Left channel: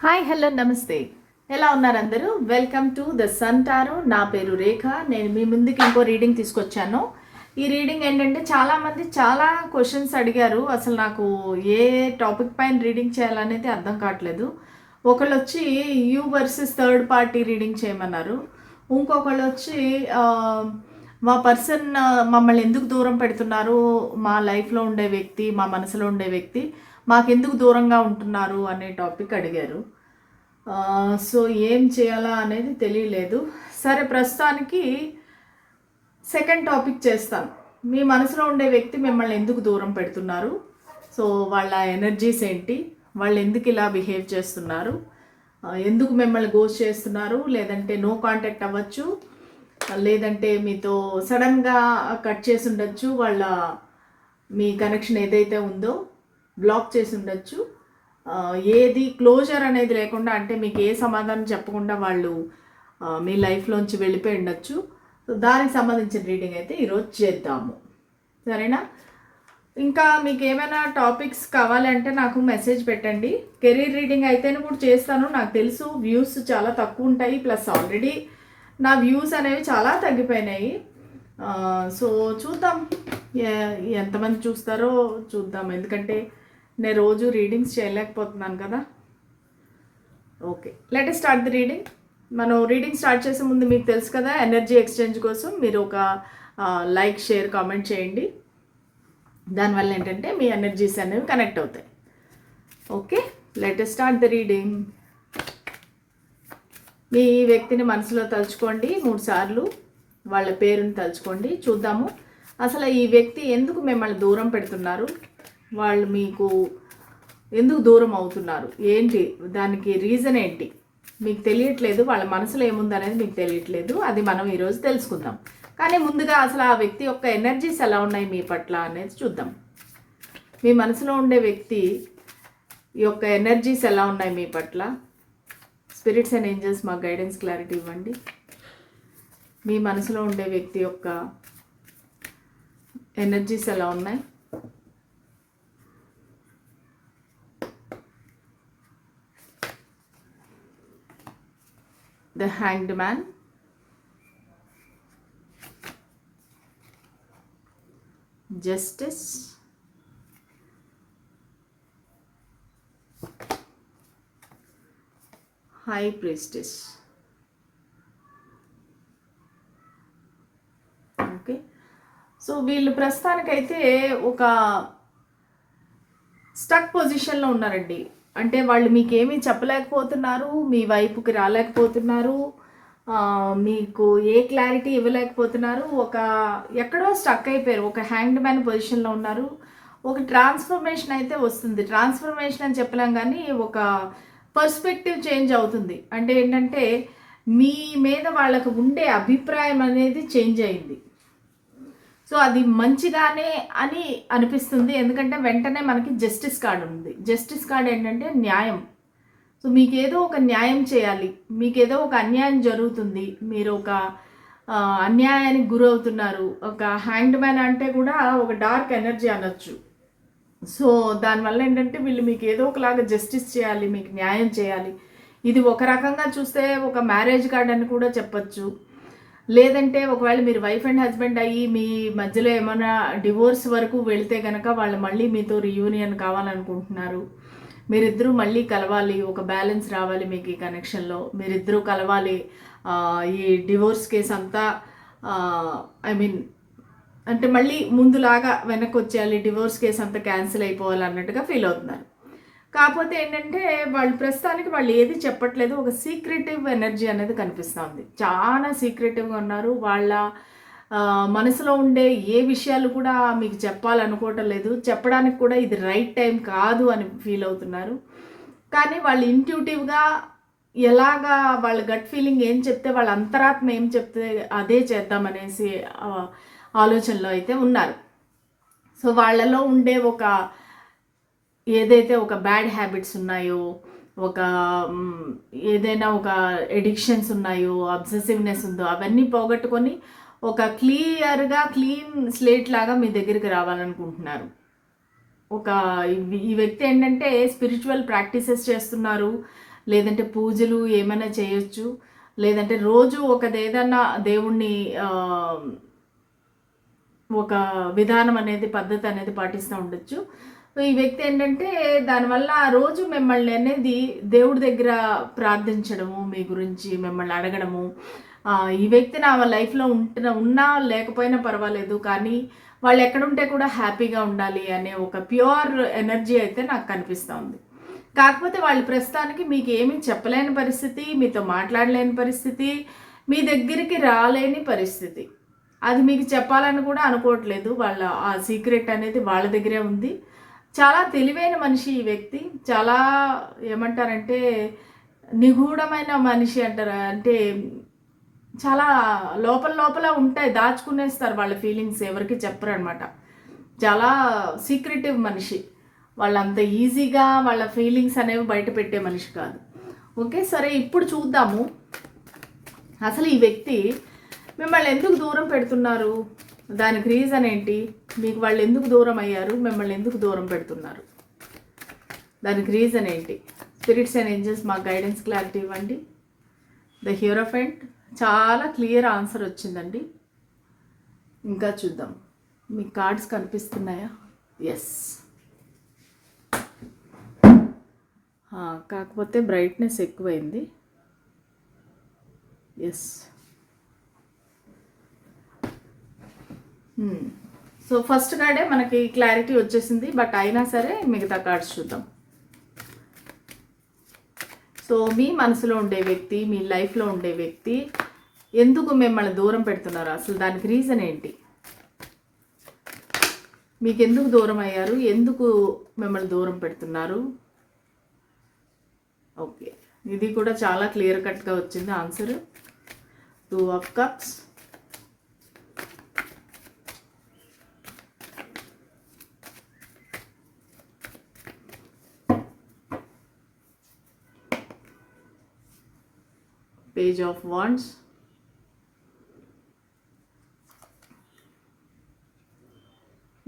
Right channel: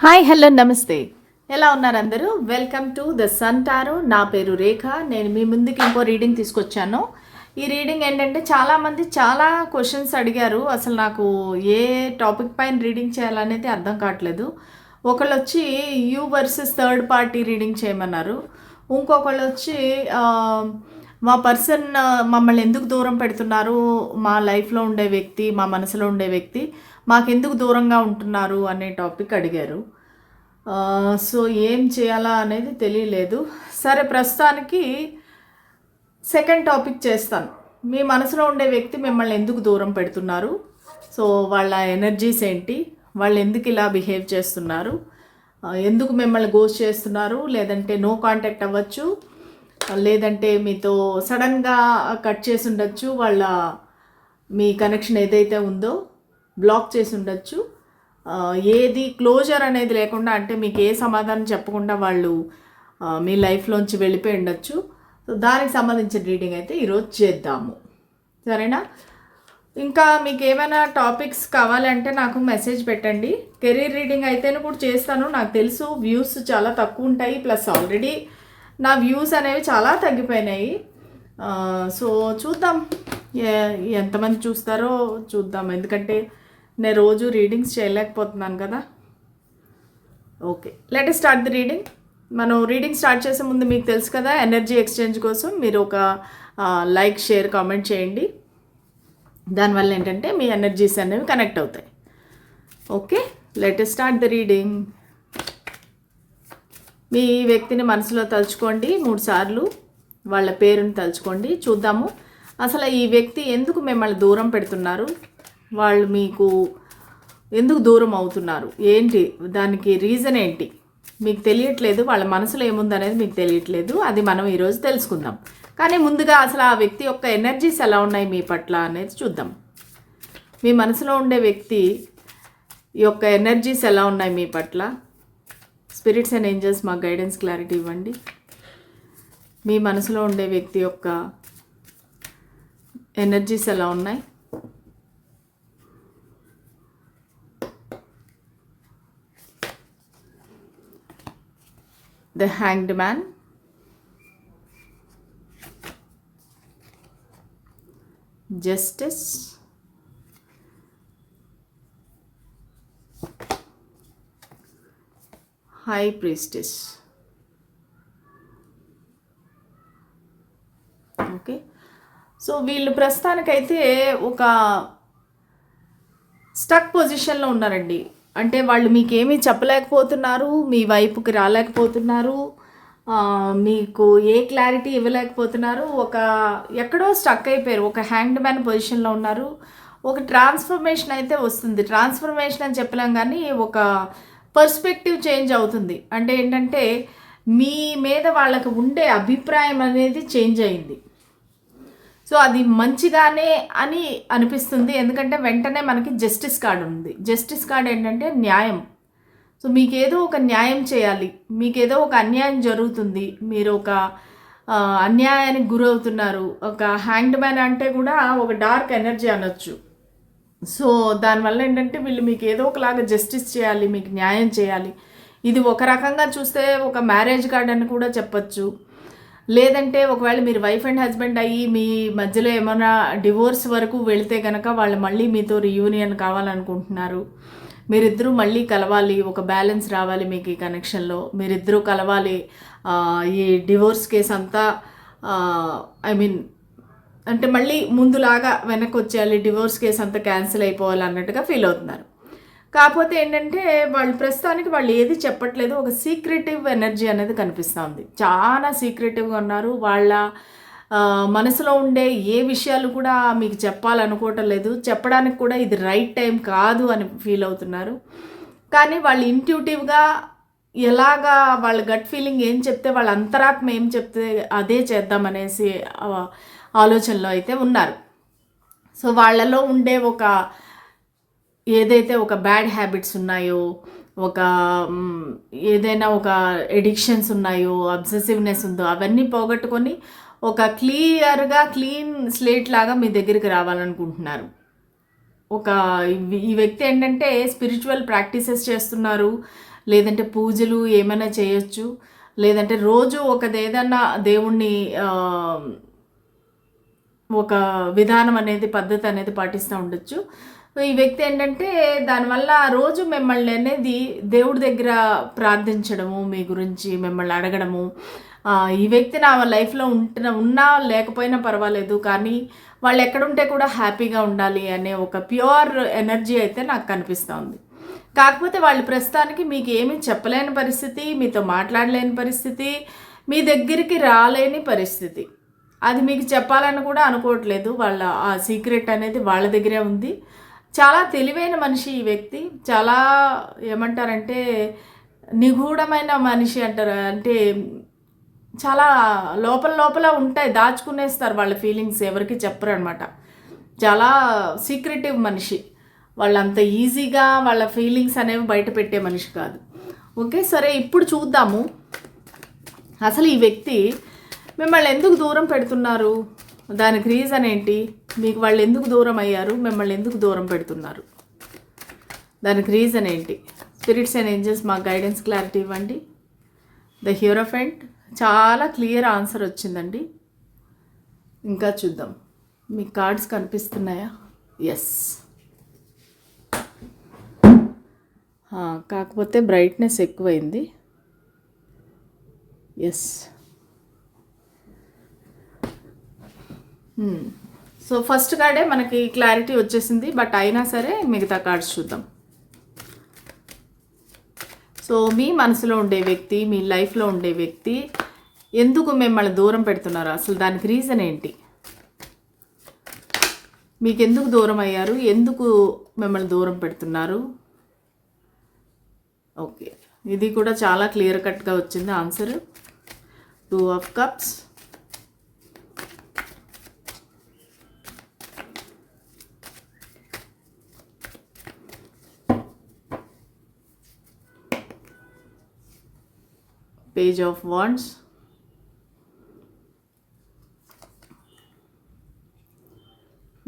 Hi hello నమస్తే. ఎలా ఉన్నారు అందరూ welcome to the sun tarot నా పేరు రేఖ. నేను మీ ముందుకి ఇంకో రీడింగ్ తీసుకొచ్చాను. ఈ రీడింగ్ ఏంటంటే చాలామంది చాలా క్వశ్చన్స్ అడిగారు. అసలు నాకు ఏ టాపిక్ పైన రీడింగ్ చేయాలనేది అర్థం కావట్లేదు. ఒకళ్ళు వచ్చి you versus third party reading చేయమన్నారు. ఇంకొకళ్ళు వచ్చి మా పర్సన్ మమ్మల్ని ఎందుకు దూరం పెడుతున్నారు? మా లైఫ్లో ఉండే వ్యక్తి మా మనసులో ఉండే వ్యక్తి మాకెందుకు దూరంగా ఉంటున్నారు అనే టాపిక్ అడిగారు. సో ఏం చేయాలా అనేది తెలియలేదు. సరే ప్రస్తుతానికి సెకండ్ టాపిక్ చేస్తాను. మీ మనసులో ఉండే వ్యక్తి మిమ్మల్ని ఎందుకు దూరం పెడుతున్నారు? సో వాళ్ళ ఎనర్జీస్ ఏంటి? వాళ్ళు ఎందుకు ఇలా బిహేవ్ చేస్తున్నారు? ఎందుకు మిమ్మల్ని గోస్ చేస్తున్నారు? లేదంటే నో కాంటాక్ట్ అవ్వచ్చు. లేదంటే మీతో సడన్గా కట్ చేసి ఉండొచ్చు. వాళ్ళ మీ కనెక్షన్ ఏదైతే ఉందో. బ్లాక్ చేసి ఉండొచ్చు. ఏది క్లోజర్ అనేది లేకుండా అంటే మీకు ఏ సమాధానం చెప్పకుండా వాళ్ళు మీ లైఫ్లోంచి వెళ్ళిపోయి ఉండొచ్చు. సో దానికి సంబంధించిన రీడింగ్ అయితే ఈరోజు చేద్దాము. సరేనా? ఇంకా మీకు ఏమైనా టాపిక్స్ కావాలంటే నాకు మెసేజ్ పెట్టండి. కెరీర్ రీడింగ్ అయితేనే కూడా చేస్తాను. నాకు తెలుసు వ్యూస్ చాలా తక్కువ ఉంటాయి. ప్లస్ ఆల్రెడీ నా వ్యూస్ అనేవి చాలా తగ్గిపోయినాయి. సో చూద్దాం. ఎంతమంది చూస్తారో చూద్దాం. ఎందుకంటే నేను రోజు రీడింగ్స్ చేయలేకపోతున్నాను కదా. Okay let start the reading మనం రీడింగ్ స్టార్ట్ చేసే ముందు మీకు తెలుసు కదా ఎనర్జీ ఎక్స్చేంజ్ కోసం మీరు ఒక లైక్ షేర్ కామెంట్ చేయండి. దానివల్ల ఏంటంటే మీ ఎనర్జీస్ అనేవి కనెక్ట్ అవుతాయి. Okay let start the reading మీ వ్యక్తిని మనసులో తలుచుకోండి మూడు సార్లు. వాళ్ళ పేరుని తలుచుకోండి. చూద్దాము. అసలు ఈ వ్యక్తి ఎందుకు మిమ్మల్ని దూరం పెడుతున్నారు? వాళ్ళు మీకు ఎందుకు దూరం అవుతున్నారు? ఏంటి? దానికి రీజన్ ఏంటి? మీకు తెలియట్లేదు వాళ్ళ మనసులో ఏముంది అనేది మీకు తెలియట్లేదు. అది మనం ఈరోజు తెలుసుకుందాం. కానీ ముందుగా అసలు ఆ వ్యక్తి యొక్క ఎనర్జీస్ ఎలా ఉన్నాయి మీ పట్ల అనేది చూద్దాం. మీ మనసులో ఉండే వ్యక్తి యొక్క ఎనర్జీస్ ఎలా ఉన్నాయి మీ పట్ల? స్పిరిట్స్ అండ్ ఏంజల్స్ మాకు గైడెన్స్ క్లారిటీ ఇవ్వండి. మీ మనసులో ఉండే వ్యక్తి యొక్క ఎనర్జీస్ ఎలా ఉన్నాయి? The hanged man justice high priestess okay so వీళ్ళు ప్రస్తుతానికైతే ఒక స్టక్ పొజిషన్లో ఉన్నారండి. అంటే వాళ్ళు మీకేమీ చెప్పలేకపోతున్నారు మీ వైపుకి రాలేకపోతున్నారు మీకు ఏ క్లారిటీ ఇవ్వలేకపోతున్నారు ఒక ఎక్కడో స్టక్ అయిపోయారు ఒక హ్యాండ్ మ్యాన్ పొజిషన్లో ఉన్నారు. ఒక ట్రాన్స్ఫర్మేషన్ అయితే వస్తుంది. ట్రాన్స్ఫర్మేషన్ అని చెప్పలేం కానీ ఒక పర్స్పెక్టివ్ చేంజ్ అవుతుంది. అంటే ఏంటంటే మీ మీద వాళ్ళకు ఉండే అభిప్రాయం అనేది చేంజ్ అయింది. సో అది మంచిగానే అని అనిపిస్తుంది. ఎందుకంటే వెంటనే మనకి జస్టిస్ కార్డ్ ఉంది. జస్టిస్ కార్డ్ ఏంటంటే న్యాయం. సో మీకు ఏదో ఒక న్యాయం చేయాలి. మీకు ఏదో ఒక అన్యాయం జరుగుతుంది. మీరు ఒక అన్యాయానికి గురవుతున్నారు. ఒక హ్యాండ్ మ్యాన్ అంటే కూడా ఒక డార్క్ ఎనర్జీ అనొచ్చు. సో దానివల్ల ఏంటంటే వీళ్ళు మీకు ఏదో ఒకలాగా జస్టిస్ చేయాలి. మీకు న్యాయం చేయాలి. ఇది ఒక రకంగా చూస్తే ఒక మ్యారేజ్ కార్డ్ అని కూడా చెప్పచ్చు. లేదంటే ఒకవేళ మీరు వైఫ్ అండ్ హస్బెండ్ అయ్యి మీ మధ్యలో ఏమైనా డివోర్స్ వరకు వెళితే కనుక వాళ్ళు మళ్ళీ మీతో రియూనియన్ కావాలనుకుంటున్నారు. మీరిద్దరూ మళ్ళీ కలవాలి ఒక బ్యాలెన్స్ రావాలి మీకు ఈ కనెక్షన్లో మీరిద్దరూ కలవాలి ఈ డివోర్స్ కేసు అంతా ఐ మీన్ అంటే మళ్ళీ ముందులాగా వెనక్కి వచ్చేయాలి డివోర్స్ కేసు అంతా క్యాన్సిల్ అయిపోవాలి అన్నట్టుగా ఫీల్ అవుతున్నారు. కాకపోతే ఏంటంటే వాళ్ళు ప్రస్తుతానికి వాళ్ళు ఏది చెప్పట్లేదు. ఒక సీక్రెటివ్ ఎనర్జీ అనేది కనిపిస్తుంది చాలా సీక్రెటివ్గా ఉన్నారు. వాళ్ళ మనసులో ఉండే ఏ విషయాలు కూడా మీకు చెప్పాలనుకోవటం లేదు. చెప్పడానికి కూడా ఇది రైట్ టైం కాదు అని ఫీల్ అవుతున్నారు. కానీ వాళ్ళు ఇంట్యూటివ్గా ఎలాగా వాళ్ళ గట్ ఫీలింగ్ ఏం చెప్తే వాళ్ళ అంతరాత్మ ఏం చెప్తే అదే చేద్దామనేసి ఆలోచనలో అయితే ఉన్నారు. సో వాళ్ళలో ఉండే ఒక ఏదైతే ఒక బ్యాడ్ హ్యాబిట్స్ ఉన్నాయో ఒక ఏదైనా ఒక ఎడిక్షన్స్ ఉన్నాయో అబ్సెసివ్నెస్ ఉందో అవన్నీ పోగొట్టుకొని ఒక క్లియర్గా క్లీన్ స్లేట్ లాగా మీ దగ్గరికి రావాలనుకుంటున్నారు. ఒక ఈ- వ్యక్తి ఏంటంటే స్పిరిచువల్ ప్రాక్టీసెస్ చేస్తున్నారు లేదంటే పూజలు ఏమైనా చేయొచ్చు లేదంటే రోజు ఒకదేదన్నా దేవుణ్ణి ఒక విధానం అనేది పద్ధతి అనేది పాటిస్తూ ఉండొచ్చు. ఈ వ్యక్తి ఏంటంటే దానివల్ల ఆ రోజు మిమ్మల్ని అనేది దేవుడి దగ్గర ప్రార్థించడము మీ గురించి మిమ్మల్ని అడగడము ఈ వ్యక్తి నా లైఫ్లో ఉంటున్న ఉన్నా లేకపోయినా పర్వాలేదు కానీ వాళ్ళు ఎక్కడుంటే కూడా హ్యాపీగా ఉండాలి అనే ఒక ప్యూర్ ఎనర్జీ అయితే నాకు కనిపిస్తూ ఉంది కాకపోతే వాళ్ళు ప్రస్తుతానికి మీకు ఏమీ చెప్పలేని పరిస్థితి మీతో మాట్లాడలేని పరిస్థితి మీ దగ్గరికి రాలేని పరిస్థితి. అది మీకు చెప్పాలని కూడా అనుకోవట్లేదు. వాళ్ళ ఆ సీక్రెట్ అనేది వాళ్ళ దగ్గరే ఉంది. చాలా తెలివైన మనిషి ఈ వ్యక్తి. చాలా ఏమంటారంటే నిగూఢమైన మనిషి అంటారు. అంటే చాలా లోపల లోపల ఉంటాయి దాచుకునేస్తారు వాళ్ళ ఫీలింగ్స్. ఎవరికి చెప్పరు అనమాట చాలా సీక్రెటివ్ మనిషి. వాళ్ళంత ఈజీగా వాళ్ళ ఫీలింగ్స్ అనేవి బయట పెట్టే మనిషి కాదు. ఓకే సరే ఇప్పుడు చూద్దాము. అసలు ఈ వ్యక్తి మిమ్మల్ని ఎందుకు దూరం పెడుతున్నారు? దానికి రీజన్ ఏంటి? మీకు వాళ్ళు ఎందుకు దూరం అయ్యారు? మిమ్మల్ని ఎందుకు దూరం పెడుతున్నారు? దానికి రీజన్ ఏంటి? స్పిరిట్స్ అండ్ ఏంజల్స్ మాకు గైడెన్స్ క్లారిటీ ఇవ్వండి. ద హ్యూరోఫెంట్ చాలా క్లియర్ ఆన్సర్ వచ్చిందండి. ఇంకా చూద్దాం. మీ కార్డ్స్ కనిపిస్తున్నాయా? ఎస్ కాకపోతే బ్రైట్నెస్ ఎక్కువైంది. Yes hmm. సో ఫస్ట్ కార్డే మనకి క్లారిటీ వచ్చేసింది బట్ అయినా సరే మిగతా కార్డ్స్ చూద్దాం. సో మీ మనసులో ఉండే వ్యక్తి మీ లైఫ్లో ఉండే వ్యక్తి ఎందుకు మిమ్మల్ని దూరం పెడుతున్నారు? అసలు దానికి రీజన్ ఏంటి? మీకు ఎందుకు దూరం అయ్యారు? ఎందుకు మిమ్మల్ని దూరం పెడుతున్నారు? ఓకే ఇది కూడా చాలా క్లియర్ కట్గా వచ్చింది answer two of cups page of wands.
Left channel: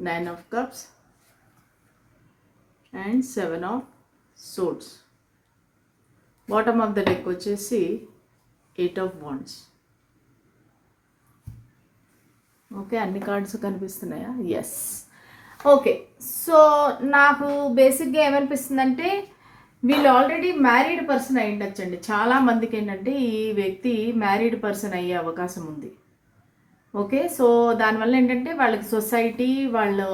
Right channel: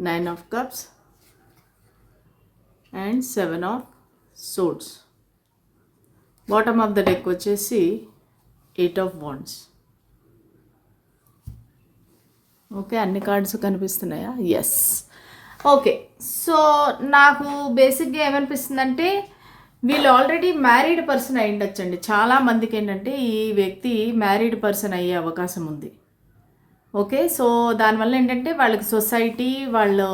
Nine of cups. And seven of swords bottom of the deck వచ్చేసి ఎయిట్ ఆఫ్ వాండ్స్. ఓకే అన్ని కార్డ్స్ కనిపిస్తున్నాయా? ఎస్ ఓకే సో నాకు బేసిక్గా ఏమనిపిస్తుందంటే వీళ్ళు ఆల్రెడీ మ్యారీడ్ పర్సన్ అయి ఉండొచ్చండి. చాలా మందికి ఏంటంటే ఈ వ్యక్తి మ్యారీడ్ పర్సన్ అయ్యే అవకాశం ఉంది. ఓకే సో దానివల్ల ఏంటంటే వాళ్ళకి సొసైటీ వాళ్ళు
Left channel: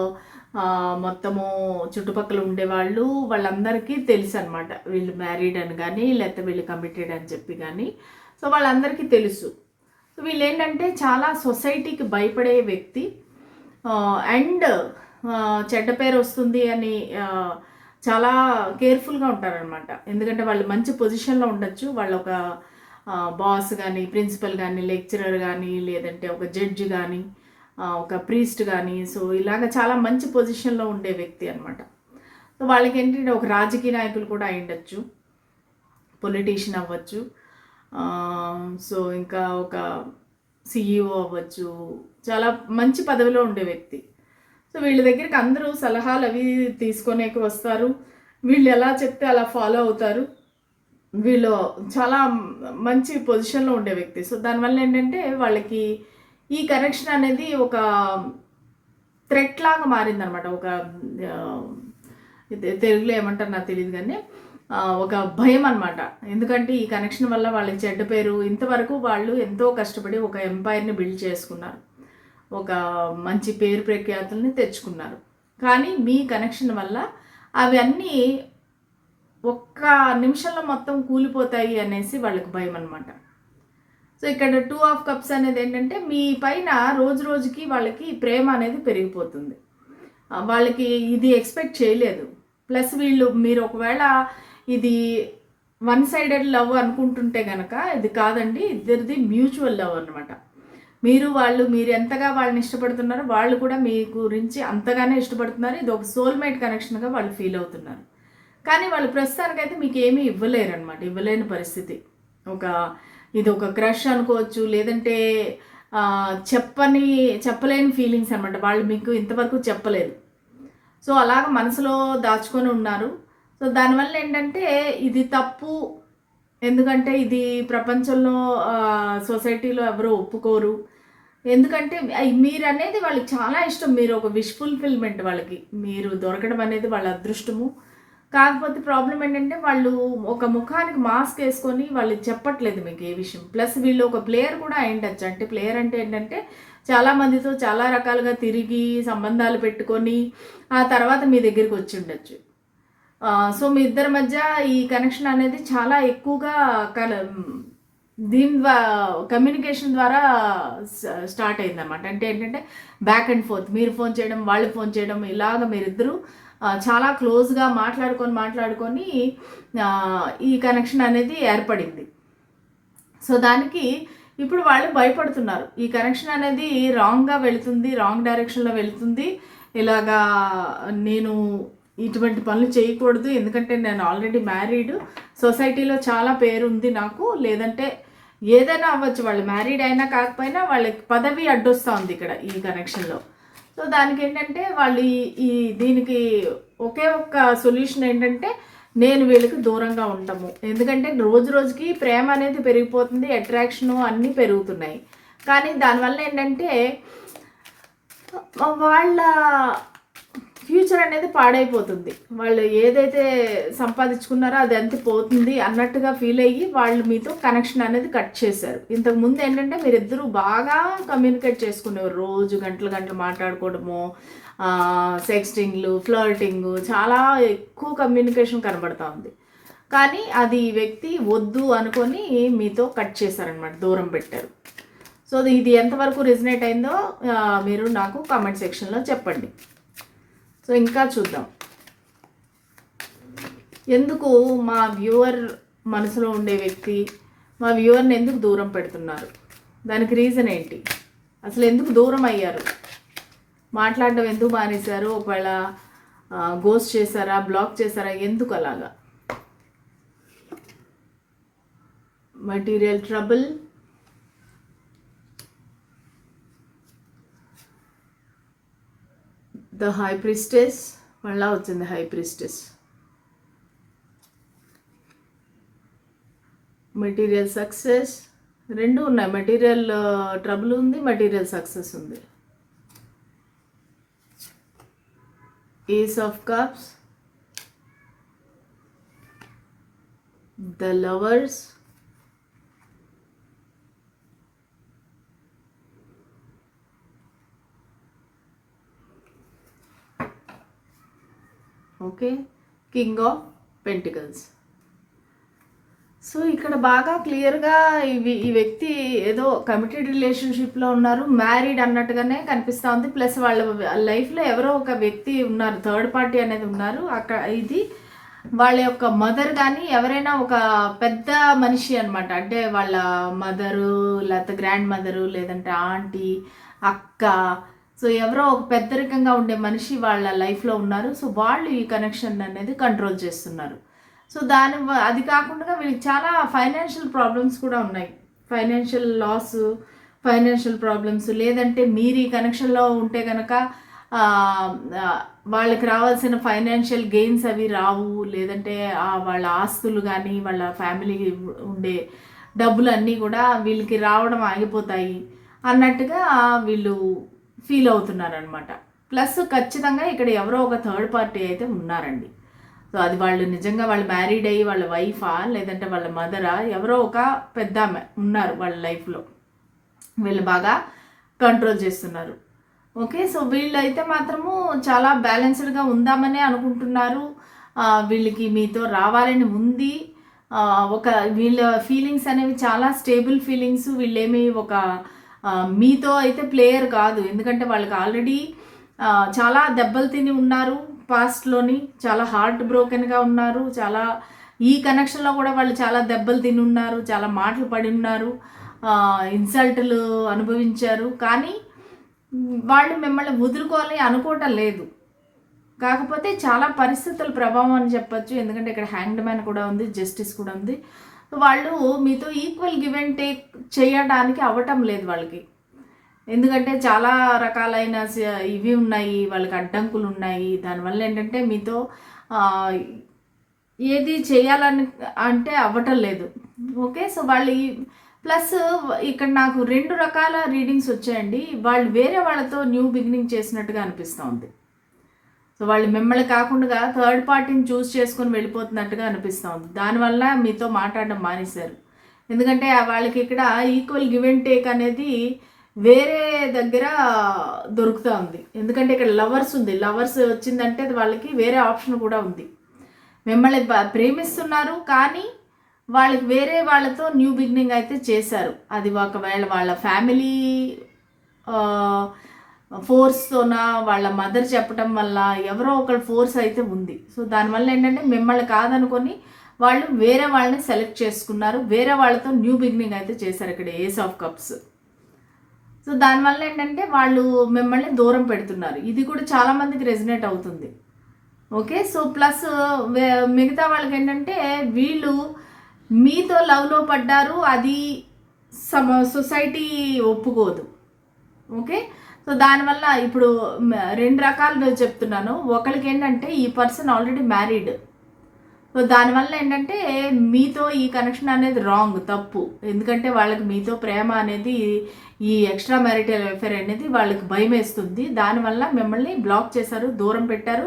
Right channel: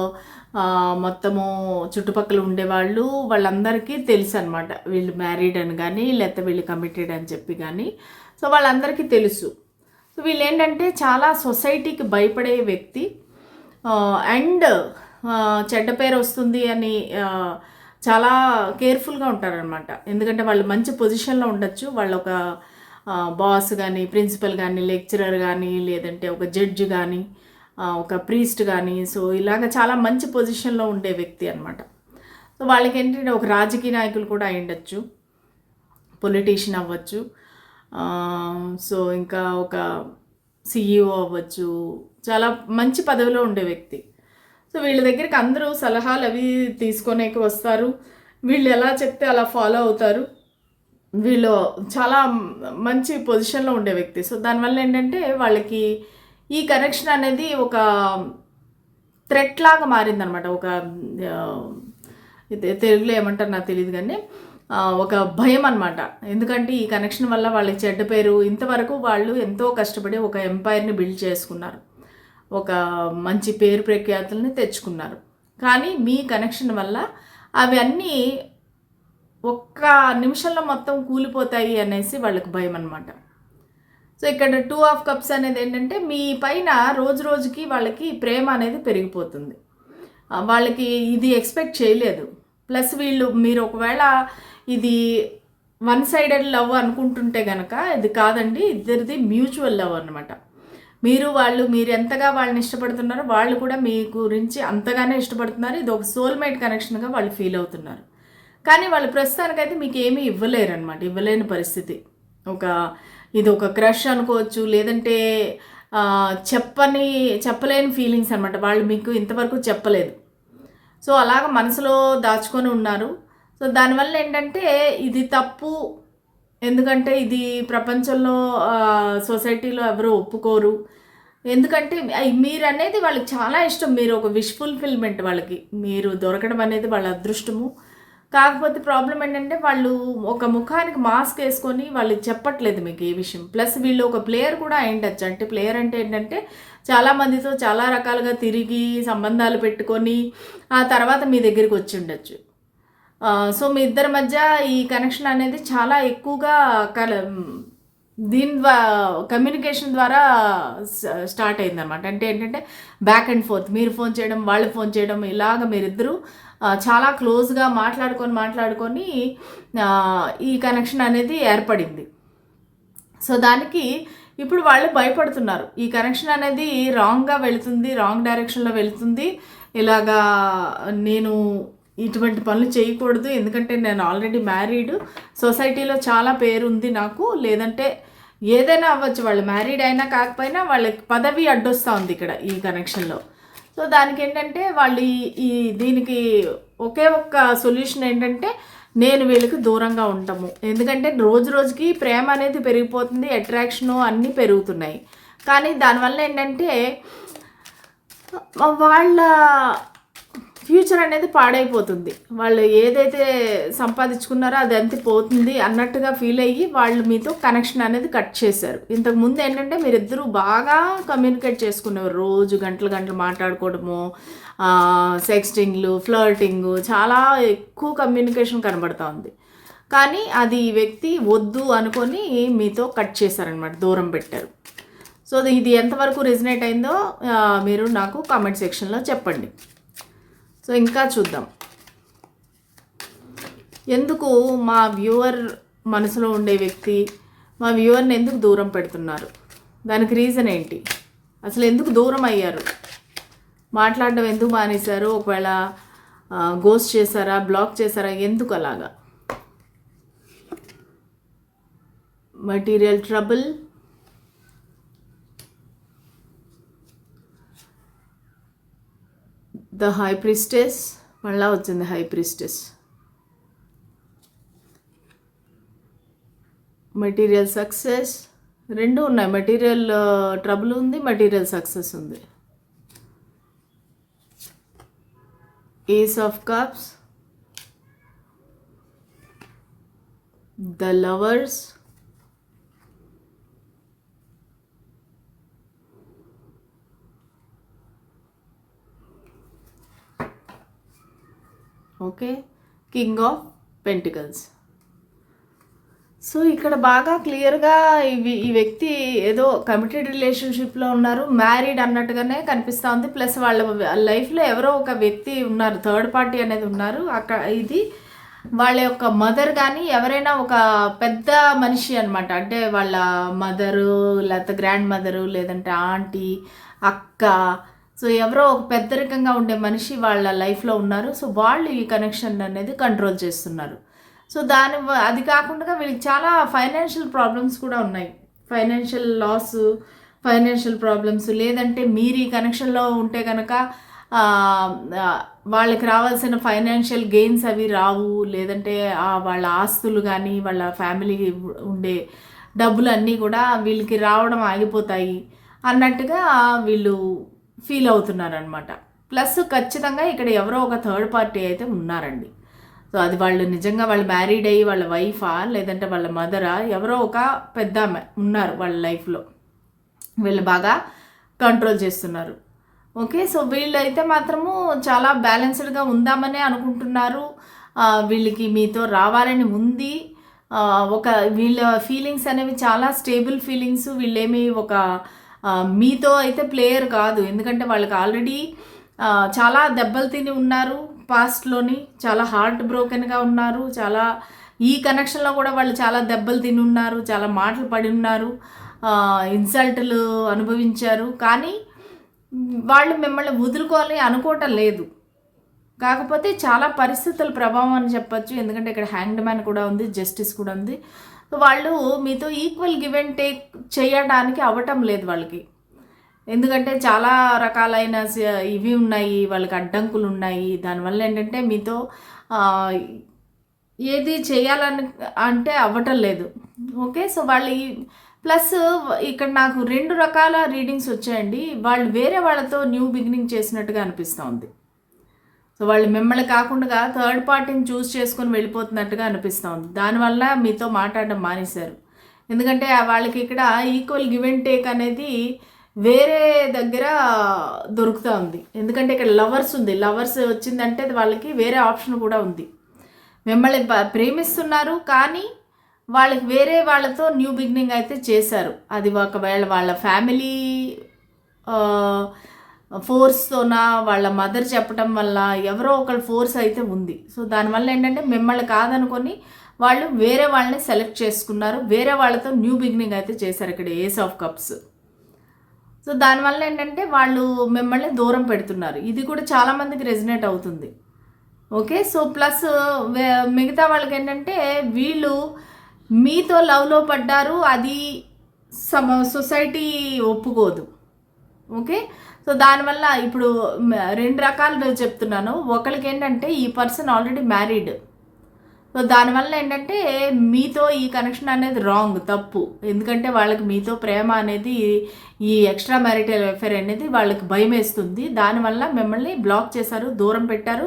మొత్తము చుట్టుపక్కల ఉండేవాళ్ళు వాళ్ళందరికీ తెలుసు అనమాట వీళ్ళు మ్యారీడ్ అని కానీ లేకపోతే వీళ్ళు కమిటెడ్ అని చెప్పి కానీ సో వాళ్ళందరికీ తెలుసు. సో వీళ్ళు ఏంటంటే చాలా సొసైటీకి భయపడే వ్యక్తి. అండ్ చెడ్డ పేరు వస్తుంది అని చాలా కేర్ఫుల్గా ఉంటారనమాట ఎందుకంటే వాళ్ళు మంచి పొజిషన్లో ఉండొచ్చు. వాళ్ళు ఒక బాస్ కానీ ప్రిన్సిపల్ కానీ లెక్చరర్ కానీ లేదంటే ఒక జడ్జ్ కానీ ఒక ప్రీస్ట్ కానీ సో ఇలాగ చాలా మంచి పొజిషన్లో ఉండే వ్యక్తి అనమాట సో వాళ్ళకి ఏంటంటే ఒక రాజకీయ నాయకులు కూడా అయ్యుండొచ్చు పొలిటీషియన్ అవ్వచ్చు. సో ఇంకా ఒక సిఇఓ అవ్వచ్చు. చాలా మంచి పదవిలో ఉండే వ్యక్తి. సో వీళ్ళ దగ్గరికి అందరూ సలహాలు అవి తీసుకొనేకి వస్తారు. వీళ్ళు ఎలా చెప్తే అలా ఫాలో అవుతారు. వీళ్ళు చాలా మంచి పొజిషన్లో ఉండే వ్యక్తి. సో దానివల్ల ఏంటంటే వాళ్ళకి ఈ కనెక్షన్ అనేది ఒక థ్రెట్ లాగా మారిందనమాట. ఒక ఇది తెలుగులో ఏమంటారు నాకు తెలియదు కానీ ఒక భయం అనమాట. ఎందుకంటే ఈ కనెక్షన్ వల్ల వాళ్ళకి చెడ్డ పేరు ఇంతవరకు వాళ్ళు ఎంతో కష్టపడి ఒక ఎంపైర్ని బిల్డ్ చేసుకున్నారు. ఒక మంచి పేరు ప్రఖ్యాతుల్ని తెచ్చుకున్నారు. కానీ మీ కనెక్షన్ వల్ల అవన్నీ ఒక్క నిమిషంలో మొత్తం కూలిపోతాయి అనేసి వాళ్ళకి భయం అనమాట సో ఇక్కడ టూ ఆఫ్ కప్స్ అనేది ఏంటంటే మీ పైన రోజు రోజుకి వాళ్ళకి ప్రేమ అనేది పెరిగిపోతుంది. వాళ్ళకి ఇది ఎక్స్పెక్ట్ చేయలేదు. ప్లస్ వీళ్ళు మీరు ఒకవేళ ఇది వన్ సైడెడ్ లవ్ అనుకుంటుంటే కనుక ఇది కాదండి ఇద్దరిది మ్యూచువల్ లవ్ అనమాట మీరు వాళ్ళు మీరు ఎంతగా వాళ్ళని ఇష్టపడుతున్నారో వాళ్ళు కూడా మీ గురించి అంతగానే ఇష్టపడుతున్నారు. ఇది ఒక సోల్మేట్ కనెక్షన్గా వాళ్ళు ఫీల్ అవుతున్నారు. కానీ వాళ్ళు ప్రస్తుతానికైతే మీకు ఏమీ ఇవ్వలేరు అనమాట ఇవ్వలేని పరిస్థితి. ఒక ఇది ఒక క్రష్ అనుకోవచ్చు లేదంటే చెప్పని చెప్పలేని ఫీలింగ్స్ అనమాట వాళ్ళు మీకు ఇంతవరకు చెప్పలేదు. సో అలాగ మనసులో దాచుకొని ఉన్నారు. సో దానివల్ల ఏంటంటే ఇది తప్పు. ఎందుకంటే ఇది ప్రపంచంలో సొసైటీలో ఎవరు ఒప్పుకోరు. ఎందుకంటే మీరు అనేది వాళ్ళకి చాలా ఇష్టం. మీరు ఒక విష్ ఫుల్ఫిల్మెంట్ వాళ్ళకి. మీరు దొరకడం అనేది వాళ్ళ అదృష్టము. కాకపోతే ప్రాబ్లం ఏంటంటే వాళ్ళు ఒక ముఖానికి మాస్క్ వేసుకొని వాళ్ళు చెప్పట్లేదు మీకు ఏ విషయం. ప్లస్ వీళ్ళు ఒక ప్లేయర్ కూడా అయిండొచ్చు అంటే ప్లేయర్ అంటే ఏంటంటే చాలా మందితో చాలా రకాలుగా తిరిగి సంబంధాలు పెట్టుకొని ఆ తర్వాత మీ దగ్గరికి వచ్చి ఉండొచ్చు. సో మీ ఇద్దరి మధ్య ఈ కనెక్షన్ అనేది చాలా ఎక్కువగా కల దీని ద్వారా కమ్యూనికేషన్ ద్వారా స్టార్ట్ స్టార్ట్ అయిందన్నమాట. అంటే ఏంటంటే బ్యాక్ అండ్ ఫోర్త్ మీరు ఫోన్ చేయడం వాళ్ళు ఫోన్ చేయడం ఇలాగ మీరిద్దరూ చాలా క్లోజ్గా మాట్లాడుకొని మాట్లాడుకొని ఈ కనెక్షన్ అనేది ఏర్పడింది. సో దానికి ఇప్పుడు వాళ్ళు భయపడుతున్నారు. ఈ కనెక్షన్ అనేది రాంగ్గా వెళుతుంది రాంగ్ డైరెక్షన్లో వెళుతుంది. ఇలాగా నేను ఇటువంటి పనులు చేయకూడదు. ఎందుకంటే నేను ఆల్రెడీ మ్యారీడ్ సొసైటీలో చాలా పేరు ఉంది నాకు. లేదంటే ఏదైనా అవ్వచ్చు. వాళ్ళు మ్యారీడ్ అయినా కాకపోయినా వాళ్ళకి పదవి అడ్డొస్తూ ఉంది ఇక్కడ ఈ కనెక్షన్లో సో దానికి ఏంటంటే వాళ్ళు ఈ- దీనికి ఒకే ఒక్క సొల్యూషన్ ఏంటంటే నేను వీళ్ళకి దూరంగా ఉంటాము ఎందుకంటే రోజు రోజుకి ప్రేమ అనేది పెరిగిపోతుంది. అట్రాక్షను అన్నీ పెరుగుతున్నాయి. కానీ దానివల్ల ఏంటంటే వాళ్ళ ఫ్యూచర్ అనేది పాడైపోతుంది. వాళ్ళు ఏదైతే సంపాదించుకున్నారో అది అంతే పోతుంది అన్నట్టుగా ఫీల్ అయ్యి వాళ్ళు మీతో కనెక్షన్ అనేది కట్ చేశారు. ఇంతకు ముందు ఏంటంటే మీరిద్దరూ బాగా కమ్యూనికేట్ చేసుకునేవారు. రోజు గంటలు గంటలు మాట్లాడుకోవడము సెక్స్టింగ్లు ఫ్లర్టింగ్ చాలా ఎక్కువ కమ్యూనికేషన్ కనబడతా ఉంది. కానీ అది వ్యక్తి వద్దు అనుకొని మీతో కట్ చేశారనమాట దూరం పెట్టారు. సో ఇది ఎంతవరకు రిజనేట్ అయిందో మీరు నాకు కామెంట్ సెక్షన్లో చెప్పండి. సో ఇంకా చూద్దాం. ఎందుకు మా వ్యూవర్ మనసులో ఉండే వ్యక్తి మా వ్యూవర్ని ఎందుకు దూరం పెడుతున్నారు? దానికి రీజన్ ఏంటి? అసలు ఎందుకు దూరం అయ్యారు? మాట్లాడడం ఎందుకు మానేశారు? ఒకవేళ గోస్ట్ చేశారా? బ్లాక్ చేశారా? ఎందుకు అలాగా? Material trouble the high priestess మళ్ళా వచ్చింది హై ప్రిస్టెస్ మెటీరియల్ సక్సెస్ రెండు ఉన్నాయి. మెటీరియల్ ట్రబుల్ ఉంది మెటీరియల్ సక్సెస్ ఉంది. Ace of cups the lovers okay? King of pentacles so ఇక్కడ బాగా క్లియర్గా ఇవి ఈ వ్యక్తి ఏదో కమిటెడ్ రిలేషన్షిప్లో ఉన్నారు మ్యారీడ్ అన్నట్టుగానే కనిపిస్తూ ఉంది. ప్లస్ వాళ్ళ లైఫ్లో ఎవరో ఒక వ్యక్తి ఉన్నారు థర్డ్ పార్టీ అనేది ఉన్నారు. అక్కడ ఇది వాళ్ళ యొక్క మదర్ కానీ ఎవరైనా ఒక పెద్ద మనిషి అనమాట అంటే వాళ్ళ మదరు లేకపోతే గ్రాండ్ మదరు లేదంటే ఆంటీ అక్క సో ఎవరో ఒక పెద్దరికంగా ఉండే మనిషి వాళ్ళ లైఫ్లో ఉన్నారు. సో వాళ్ళు ఈ కనెక్షన్ అనేది కంట్రోల్ చేస్తున్నారు. సో దాని అది కాకుండా వీళ్ళకి చాలా ఫైనాన్షియల్ ప్రాబ్లమ్స్ కూడా ఉన్నాయి. ఫైనాన్షియల్ లాస్ ఫైనాన్షియల్ ప్రాబ్లమ్స్ లేదంటే మీరు ఈ కనెక్షన్లో ఉంటే కనుక వాళ్ళకి రావాల్సిన ఫైనాన్షియల్ గెయిన్స్ అవి రావు. లేదంటే వాళ్ళ ఆస్తులు కానీ వాళ్ళ ఫ్యామిలీ ఉండే డబ్బులు అన్నీ కూడా వీళ్ళకి రావడం ఆగిపోతాయి. అన్నట్టుగా వీళ్ళు ఫీల్ అవుతున్నారు అనమాట ప్లస్ ఖచ్చితంగా ఇక్కడ ఎవరో ఒక థర్డ్ పార్టీ అయితే ఉన్నారండి. సో అది వాళ్ళు నిజంగా వాళ్ళు మ్యారీడ్ అయ్యి వాళ్ళ వైఫా లేదంటే వాళ్ళ మదరా ఎవరో ఒక పెద్ద ఆమె ఉన్నారు వాళ్ళ లైఫ్లో. వీళ్ళు బాగా కంట్రోల్ చేస్తున్నారు. ఓకే సో వీళ్ళు అయితే మాత్రము చాలా బ్యాలెన్స్డ్గా ఉందామనే అనుకుంటున్నారు. వీళ్ళకి మీతో రావాలని ఉంది. ఒక వీళ్ళ ఫీలింగ్స్ అనేవి చాలా స్టేబుల్ ఫీలింగ్స్. వీళ్ళేమి ఒక మీతో అయితే ప్లేయర్ కాదు. ఎందుకంటే వాళ్ళకి ఆల్రెడీ చాలా దెబ్బలు తిని ఉన్నారు పాస్ట్లోని చాలా హార్ట్ బ్రోకెన్గా ఉన్నారు. చాలా ఈ కనెక్షన్లో కూడా వాళ్ళు చాలా దెబ్బలు తిని ఉన్నారు. చాలా మాటలు పడి ఉన్నారు. ఇన్సల్ట్లు అనుభవించారు. కానీ వాళ్ళు మిమ్మల్ని వదులుకోవాలి అనుకోవటం లేదు. కాకపోతే చాలా పరిస్థితుల ప్రభావం అని చెప్పొచ్చు. ఎందుకంటే ఇక్కడ హ్యాండ్ మ్యాన్ కూడా ఉంది జస్టిస్ కూడా ఉంది. వాళ్ళు మీతో ఈక్వల్ గివ్ అండ్ టేక్ చేయడానికి అవ్వటం లేదు వాళ్ళకి. ఎందుకంటే చాలా రకాలైన ఇవి ఉన్నాయి వాళ్ళకి అడ్డంకులు ఉన్నాయి. దానివల్ల ఏంటంటే మీతో ఏది చేయాలని అంటే అవ్వటం లేదు. ఓకే? సో వాళ్ళు ప్లస్ ఇక్కడ నాకు రెండు రకాల రీడింగ్స్ వచ్చాయండి. వాళ్ళు వేరే వాళ్ళతో న్యూ బిగినింగ్ చేసినట్టుగా అనిపిస్తూ ఉంది. వాళ్ళు మిమ్మల్ని కాకుండా థర్డ్ పార్టీని చూస్ చేసుకొని వెళ్ళిపోతున్నట్టుగా అనిపిస్తుంది. దానివల్ల మీతో మాట్లాడడం మానేశారు. ఎందుకంటే వాళ్ళకి ఇక్కడ ఈక్వల్ గివ్ అండ్ టేక్ అనేది వేరే దగ్గర దొరుకుతూ ఉంది ఎందుకంటే ఇక్కడ లవర్స్ ఉంది. లవర్స్ వచ్చిందంటే వాళ్ళకి వేరే ఆప్షన్ కూడా ఉంది. మిమ్మల్ని ప్రేమిస్తున్నారు కానీ వాళ్ళకి వేరే వాళ్ళతో న్యూ బిగినింగ్ అయితే చేశారు. అది ఒకవేళ వాళ్ళ ఫ్యామిలీ ఫోర్స్తోనా వాళ్ళ మదర్ చెప్పడం వల్ల ఎవరో ఒకళ్ళ ఫోర్స్ అయితే ఉంది. సో దానివల్ల ఏంటంటే మిమ్మల్ని కాదనుకొని వాళ్ళు వేరే వాళ్ళని సెలెక్ట్ చేసుకున్నారు. వేరే వాళ్ళతో న్యూ బిగినింగ్ అయితే చేశారు ఇక్కడ ఏస్ ఆఫ్ కప్స్. సో దానివల్ల ఏంటంటే వాళ్ళు మిమ్మల్ని దూరం పెడుతున్నారు. ఇది కూడా చాలామందికి రెజినేట్ అవుతుంది. ఓకే? సో ప్లస్ మిగతా వాళ్ళకి ఏంటంటే వీళ్ళు మీతో లవ్లో పడ్డారు అది సమ సొసైటీ ఒప్పుకోదు. ఓకే? సో దానివల్ల ఇప్పుడు రెండు రకాలు చెప్తున్నాను. ఒకరికి ఏంటంటే ఈ పర్సన్ ఆల్రెడీ మ్యారీడ్. సో దానివల్ల ఏంటంటే మీతో ఈ కనెక్షన్ అనేది రాంగ్ తప్పు. ఎందుకంటే వాళ్ళకి మీతో ప్రేమ అనేది ఈ ఎక్స్ట్రా మ్యారిటల్ అఫేర్ అనేది వాళ్ళకి భయం వేస్తుంది. దానివల్ల మిమ్మల్ని బ్లాక్ చేశారు దూరం పెట్టారు.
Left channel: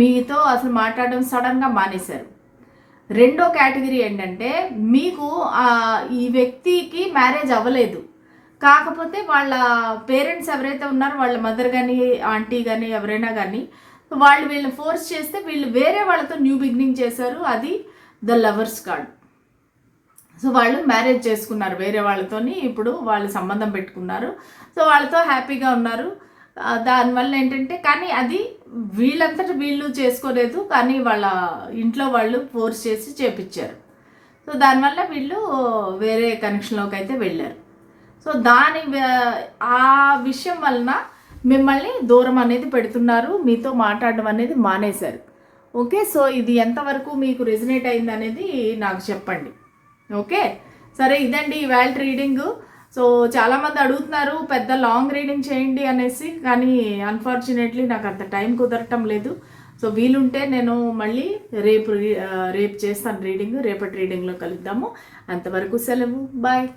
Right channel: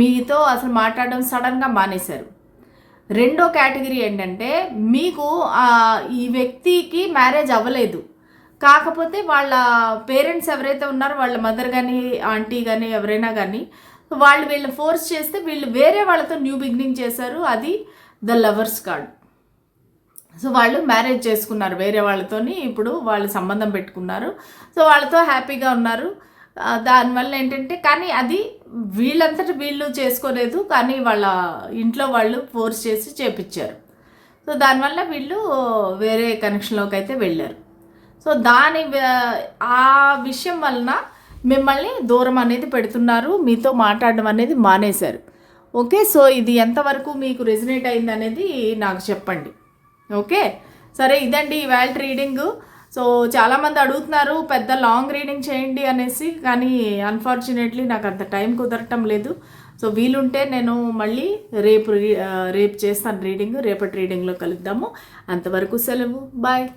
మీతో అసలు మాట్లాడడం సడన్గా మానేశారు. రెండో కేటగిరీ ఏంటంటే మీకు ఈ వ్యక్తికి మ్యారేజ్ అవ్వలేదు. కాకపోతే వాళ్ళ పేరెంట్స్ ఎవరైతే ఉన్నారో వాళ్ళ మదర్ కానీ ఆంటీ కానీ ఎవరైనా కానీ వాళ్ళు వీళ్ళని ఫోర్స్ చేస్తే వీళ్ళు వేరే వాళ్ళతో న్యూ బిగినింగ్ చేశారు. అది ద లవర్స్ కార్డ్ సో వాళ్ళు మ్యారేజ్ చేసుకున్నారు వేరే వాళ్ళతోని. ఇప్పుడు వాళ్ళు సంబంధం పెట్టుకున్నారు. సో వాళ్ళతో హ్యాపీగా ఉన్నారు. దానివల్ల ఏంటంటే కానీ అది వీళ్ళంతటి వీళ్ళు చేసుకోలేదు. కానీ వాళ్ళ ఇంట్లో వాళ్ళు ఫోర్స్ చేసి చేపించారు. సో దానివల్ల వీళ్ళు వేరే కనెక్షన్లోకి అయితే వెళ్ళారు. సో దాని ఆ విషయం వలన మిమ్మల్ని దూరం అనేది పెడుతున్నారు. మీతో మాట్లాడడం అనేది మానేశారు. ఓకే? సో ఇది ఎంతవరకు మీకు రెజినేట్ అయింది అనేది నాకు చెప్పండి. ఓకే? సరే ఇదండి ఇవాళ రీడింగ్. సో చాలామంది అడుగుతున్నారు పెద్ద లాంగ్ రీడింగ్ చేయండి అనేసి కానీ అన్ఫార్చునేట్లీ నాకు అంత టైం కుదరటం లేదు. సో వీలుంటే నేను మళ్ళీ రేపు రీ- రేపు చేస్తాను రీడింగ్ రేపటి రీడింగ్లో కలుద్దాము. అంతవరకు సెలవు. బాయ్.